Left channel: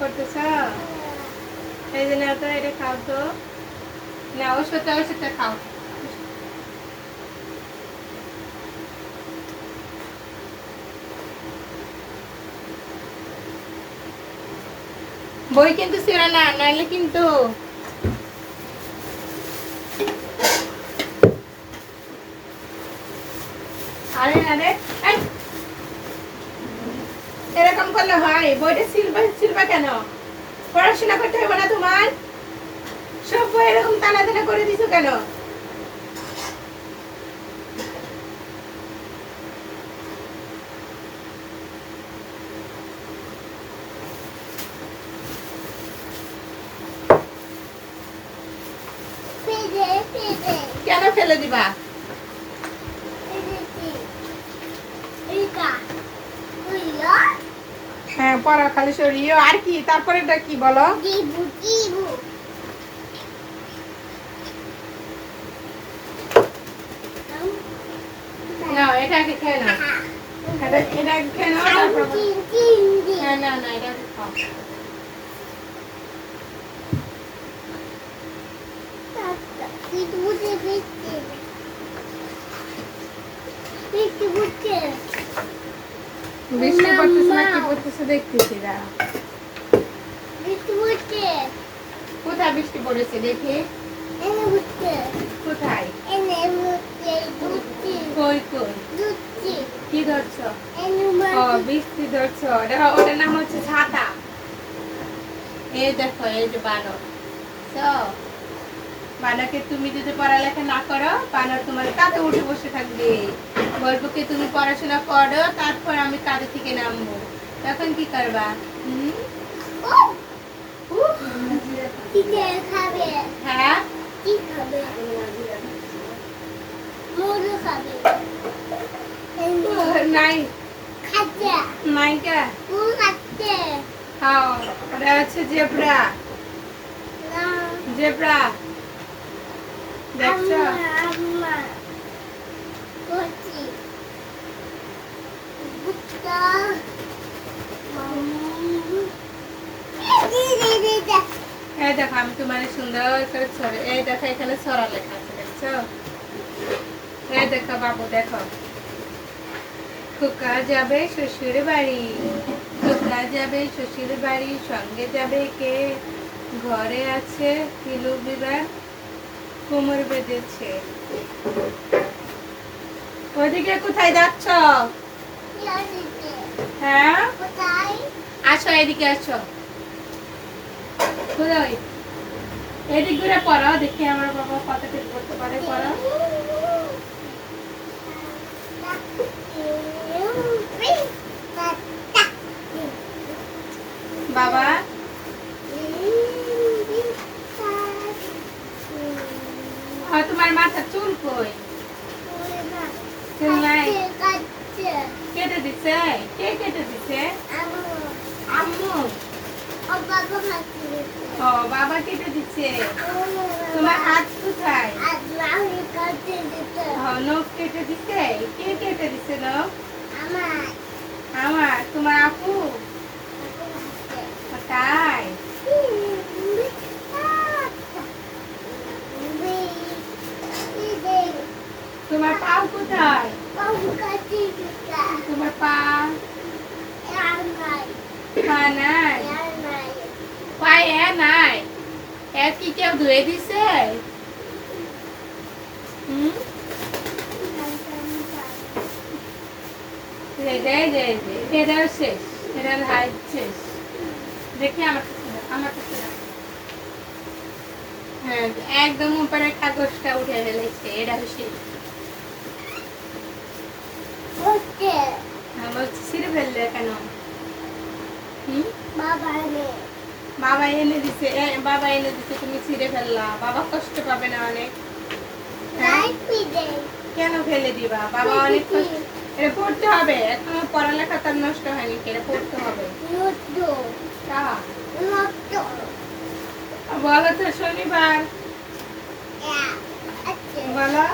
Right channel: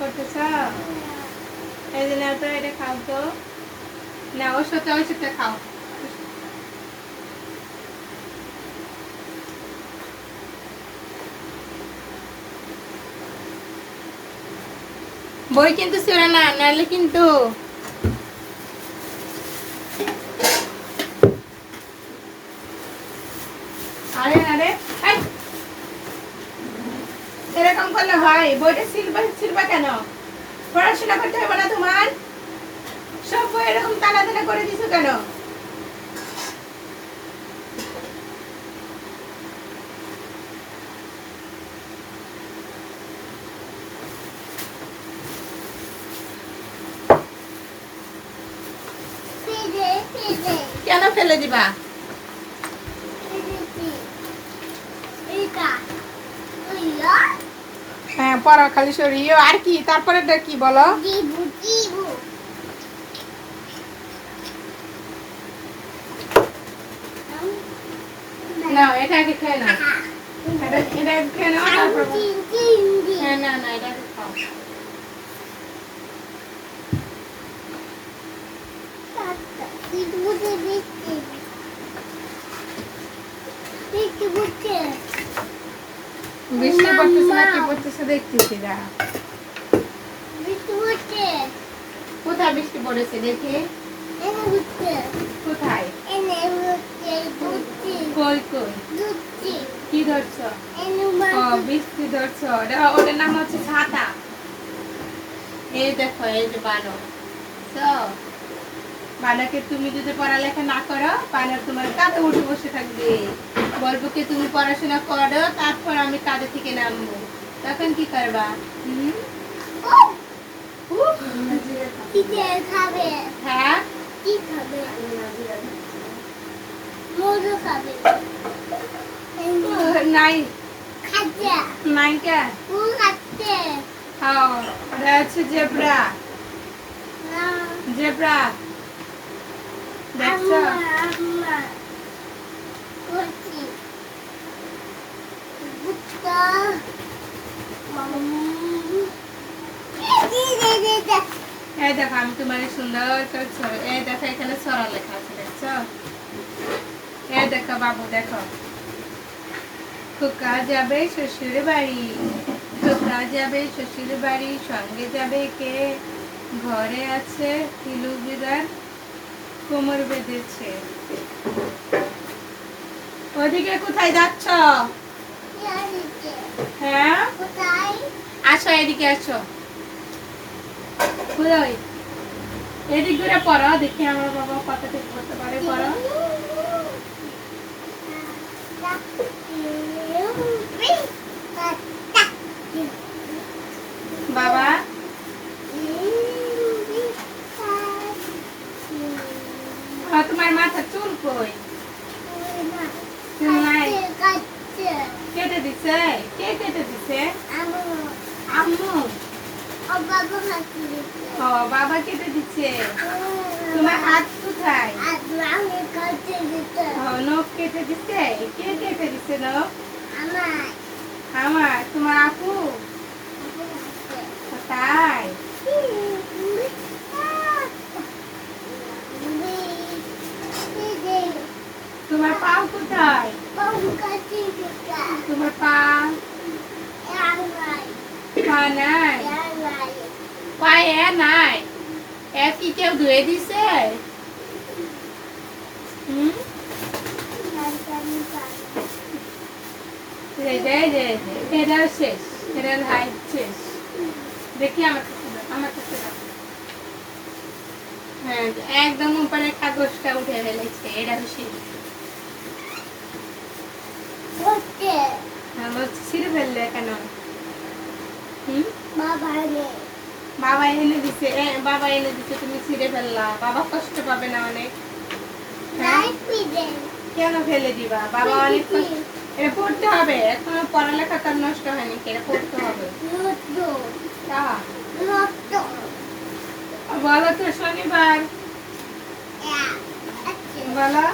করতেছ? এই যে নাও তো, এটা খাও তো। না, ওষুধটা খাও। বই কিন্তু ছিল না, নাহলে কিন্তু আরে আরে এই, এরকম করলে হয়? বইটা সিলবা কেন? পড়াশোনা করতে হবে না তোমার? সব বই এরকম টানা টানা করে দিছো কেন? কেন ফেলে দিবা? হ্যাঁ, পড়া খালি সরিয়ে। আর কি তারপরেটা কি বলো? না, এটা আগে খেয়ে নাও। এটা খেয়ে নাও, তারপর হ্যাঁ, না না, এটা আগে খাও। বৃষ্টি পড়তেছে না কি পড়তেছে দেখতেছি না। কোথায় বৃষ্টি পড়েছে দেখি? কোথায়? কই কই? কি ধরছো? ও, বৃষ্টি ধরছো। ওটার নাম হচ্ছে ছাতা। এই দেখো, এই যে বানর। তো বানরকে তুমি যদি পড়ালেখা না করো, বানর তোমার কাঁধে উঠে বসে থাকবে। বলবো কি তুমি পড়াশোনা করো, তারপর আমি কাঁধে থেকে নামবো। তখন কি করবা? হ্যাঁ, নাই নাই কে? হ্যাঁ, ওটা হচ্ছে জেব্রা। জেব্রা দেখছো? এই দেখো, আমি তোমার সুন্দর করে ছড়ে, এই দেখো এখানে ছড়া লেখা আছে, দেখছো? এই দেখো বাবু, দেখো। খোকা যাবে শ্বশুর বাড়ি, খোকা যাবে শ্বশুর বাড়ি, সঙ্গে যাবে কে? ঘরে আছে তিলু বিবার, কোমর বেঁধেছে। ওদিকে কোথায় যাচ্ছ? হ্যাঁ, আসো, এদিকে আসো। কোথায়? এদিক ঘুরে পড়ো, দেখি আমার বাবা কত ঠিক করতে পারে। পড়ো। বাবা, তোমার মাথার চুল কই? চুল নাই? কেটে দিছে? কে কেটে দিছে? আম্মু। ও, বাবা কেটে দিচ্ছে। তোমার হাত কোথায়? নখ কেটে দিছে? কে কেটে দিছে নখ? আমার। তোমার আপু? তাই? তোমার পাও কোথায়? তোমার পা নাই? পায়ে নাই? কি কেউ ধুয়ে দিছে? এটাও শেষ, এটার হাইট শেষ। দেখি আমার কাছে। হ্যাঁ, একদম উপরে কাগজটা উঠে ফেলেছে, এটাও শেষ। হ্যাঁ, বলছি ছিঁড়ে ফেললে কেন? বাবা এনে দিছে। বাবা এনে দিছে, তুমি ছিঁড়ে ফেললা। বাবা কষ্ট পাবে না অনেক? কেন ফেলে দিবা? বাবা অনেক কষ্ট। এটা পড়তে হবে, এখনো পড়ালেখা তার নষ্ট হয়নি, এটা পড়তে হবে। বলো তো, শনিবার বলো।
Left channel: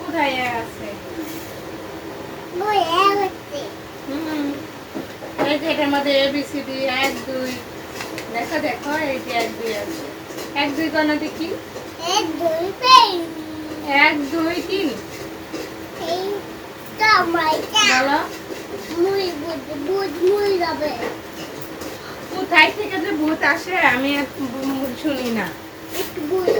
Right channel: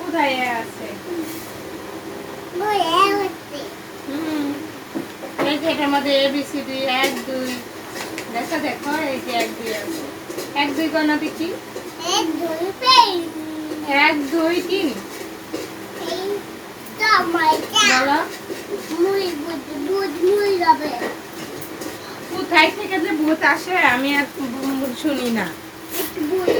কোথায় আছে? এই যে এটার মধ্যে ABCD 1 2 দেখো দেখো এই যে 1 2 আছে 1 2 গণনা দেখি 1 2 পেন 1 2 3 এই টমেটো বলো মুই বুঝ মুই যাবে কোথায় থেকে যে ভূত আসে আমি আর শুনি না একটু বুঝ